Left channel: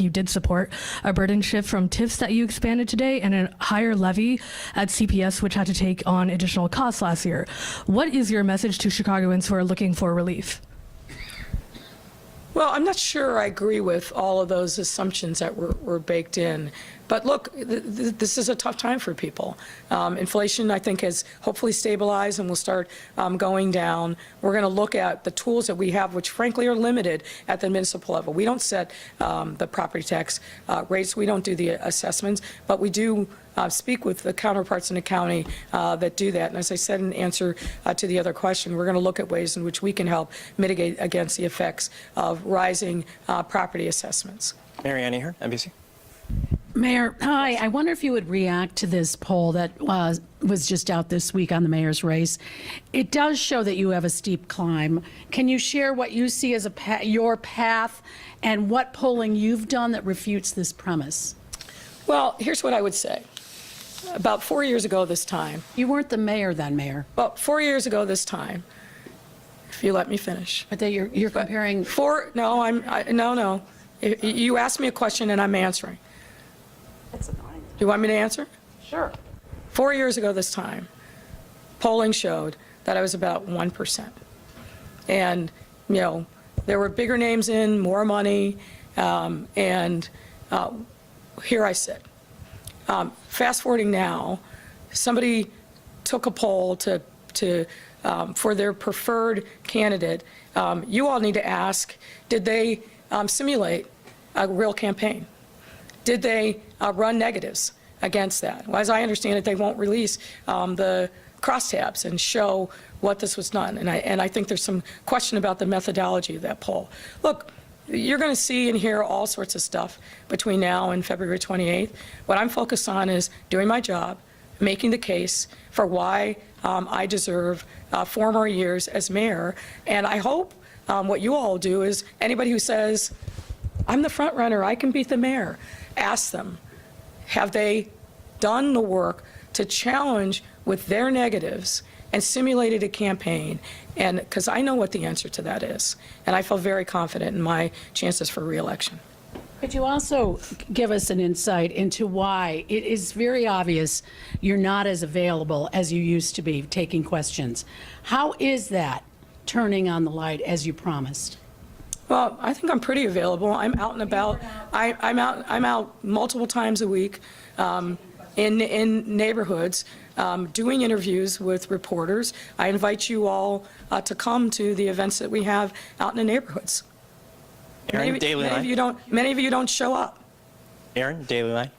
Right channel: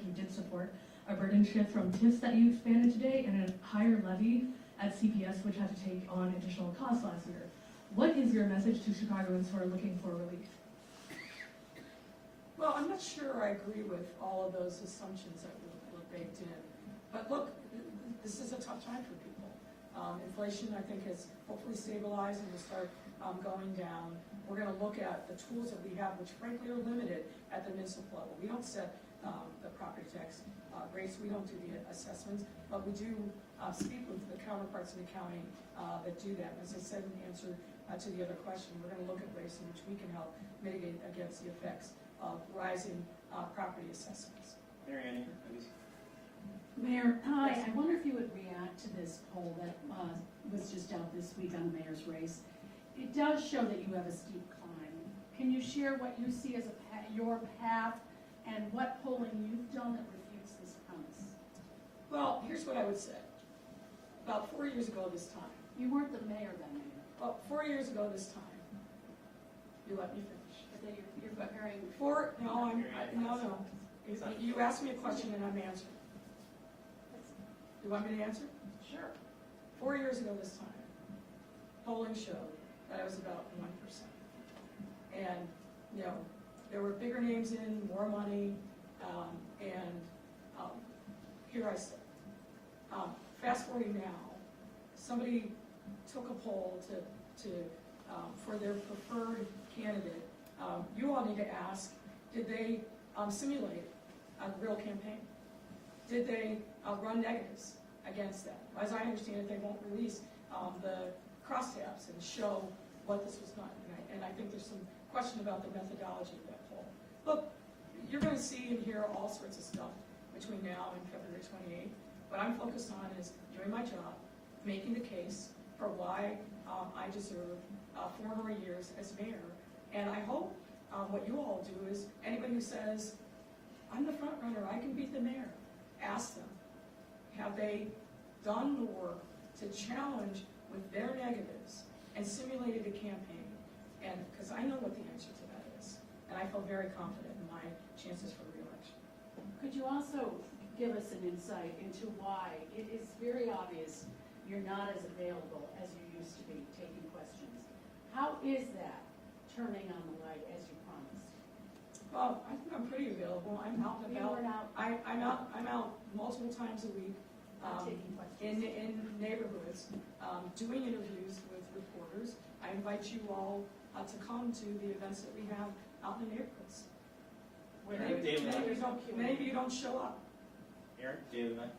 you did support a burden shift from TIFs that you expanded today and a higher levy at CPS, which had to take on additional costs last year. What is your message to Chicagoans who are looking for relief? Well, I'm not sure I agree with all of those assumptions that were baked in. But look, this is a tough time for people. Inflation, I think, has hopefully stabilized and will start going down. We're going to look at the tools that we have, which frankly are limited at the municipal level. We don't set the property tax rates. We don't do the assessments, but we do speak with the counterparts in the county that do that. And as I said in answer to the other question, we're going to look at ways in which we can help mitigate against the effects of rising property assessments. Mary Annie here, NBC. Mayor, hi. I wonder if you would react to this poll that was just out this week on the mayor's race. It does show that you have a steep climb. Can you share what you see as your path and what polling you've done that refutes this premise? Well, here's what I would say. About 4 years ago this time. You weren't the mayor then, Mayor. Well, 4 years ago this time, if you let me finish. But you're comparing. No. You asked me a question and I'm answering. That's annoying. Do you want me to answer? Sure. 4 years ago this time, polling showed that I was about 1%. And, you know, there were bigger names in, more money, and here I sit. Fast forwarding now, somebody took a poll for their preferred candidate. You all need to ask, did they simulate a real campaign? Did they run negatives against that? Well, as I understand it, they won't release the crosstabs and show what this was done. And I think there's some question about the methodology of that poll. Look, you're going to see and hear all sorts of stuff between now and February 28th. What I'm focused on is doing my job, making the case for why I deserve 4 more years as mayor. And I hope what you all do is anybody who says, I'm the front runner, I can beat the mayor, ask them, have they done the work to challenge with their negatives and simulated a campaign? And because I know what the answer to that is, and I feel very confident in my chances for re-election. Could you also give us an insight into why it is very obvious you're not as available as you used to be taking questions? How is that turning on the light as you promised? Well, I think I'm pretty available. I'm out and about. I'm out multiple times a week in neighborhoods doing interviews with reporters. I invite you all to come to the events that we have out in the neighborhoods. Aaron, Daily Line. Many of you don't show up. Aaron, Daily Line.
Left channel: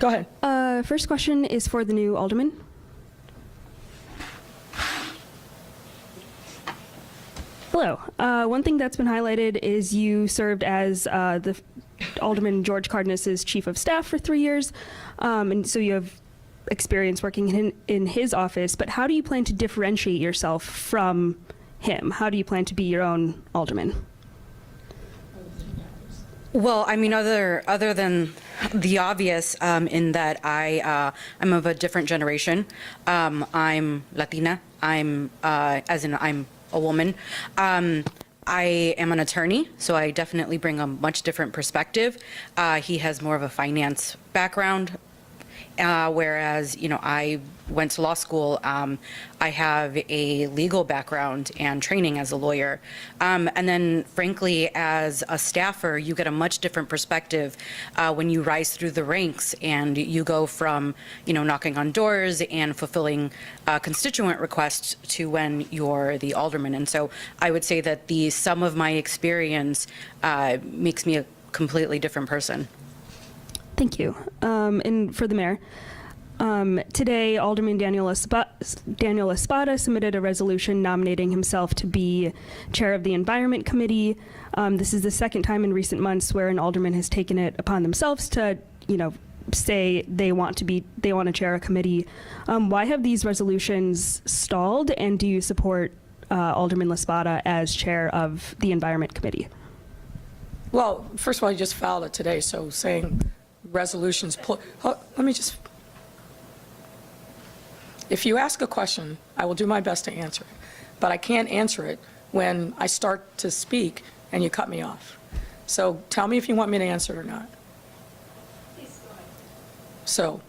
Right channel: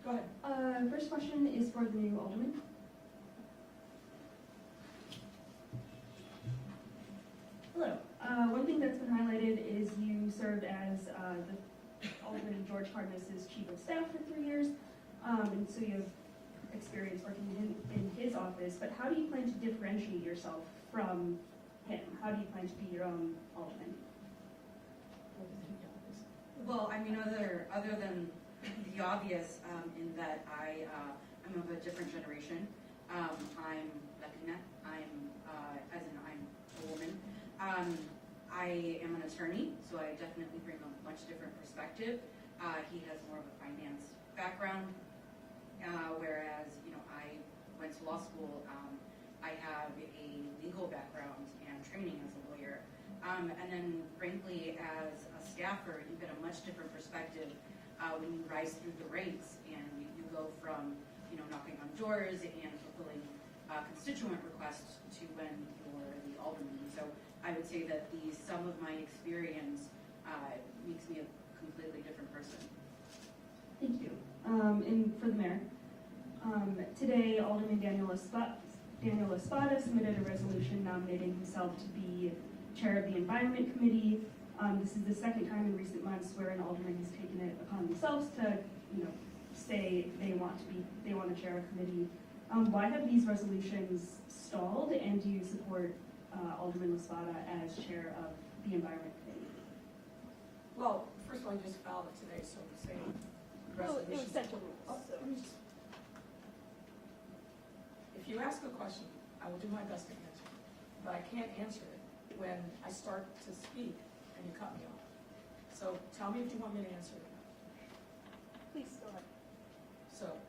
Go ahead. First question is for the new alderman. Hello. One thing that's been highlighted is you served as the Alderman George Cardenas's chief of staff for 3 years, and so you have experience working in his office. But how do you plan to differentiate yourself from him? How do you plan to be your own alderman? Well, I mean, other than the obvious, in that I'm of a different generation. I'm Latina. I'm a woman. I am an attorney, so I definitely bring a much different perspective. He has more of a finance background, whereas, you know, I went to law school. I have a legal background and training as a lawyer. And then, frankly, as a staffer, you get a much different perspective when you rise through the ranks and you go from, you know, knocking on doors and fulfilling constituent requests to when you're the alderman. And so I would say that the sum of my experience makes me a completely different person. Thank you. And for the mayor, today, Alderman Daniel Espada submitted a resolution nominating himself to be chair of the Environment Committee. This is the second time in recent months where an alderman has taken it upon themselves to, you know, say they want to chair a committee. Why have these resolutions stalled, and do you support Alderman Espada as chair of the Environment Committee? Well, first of all, you just filed it today, so saying resolutions. Let me just. If you ask a question, I will do my best to answer it. But I can't answer it when I start to speak and you cut me off. So tell me if you want me to answer it or not. So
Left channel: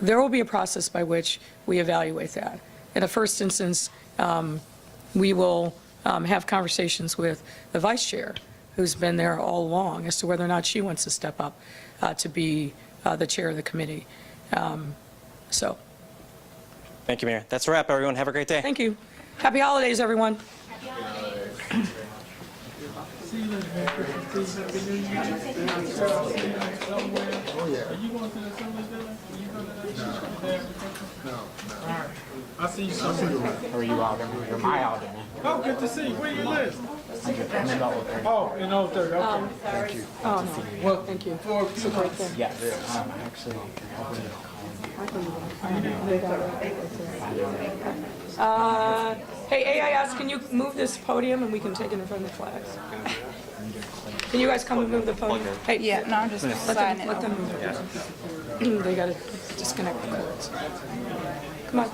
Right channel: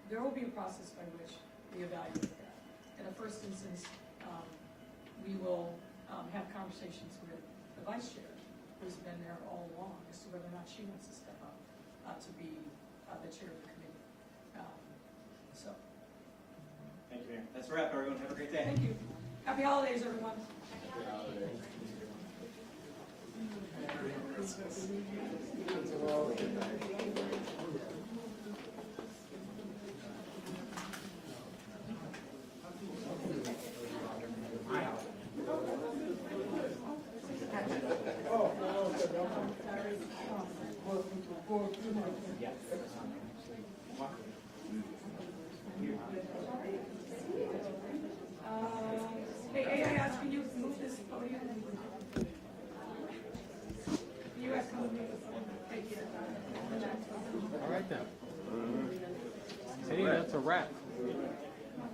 there will be a process by which we evaluate that. In the first instance, we will have conversations with the vice chair, who's been there all along, as to whether or not she wants to step up to be the chair of the committee. So, Thank you, Mayor. That's a wrap, everyone. Have a great day. thank you. Happy holidays, everyone. I see you. Or you out there? You're my out there. Oh, good to see you. Where you live? Oh, in Old 30. Okay. Thank you. Oh, no. Well, thank you. It's a great thing. Yes. Actually. Hey, AIS, can you move this podium and we can take it in front of the flags? Can you guys come and move the podium? Hey, Yeah, no, I'm just signing it. let them move it. They gotta disconnect the cords. Come on.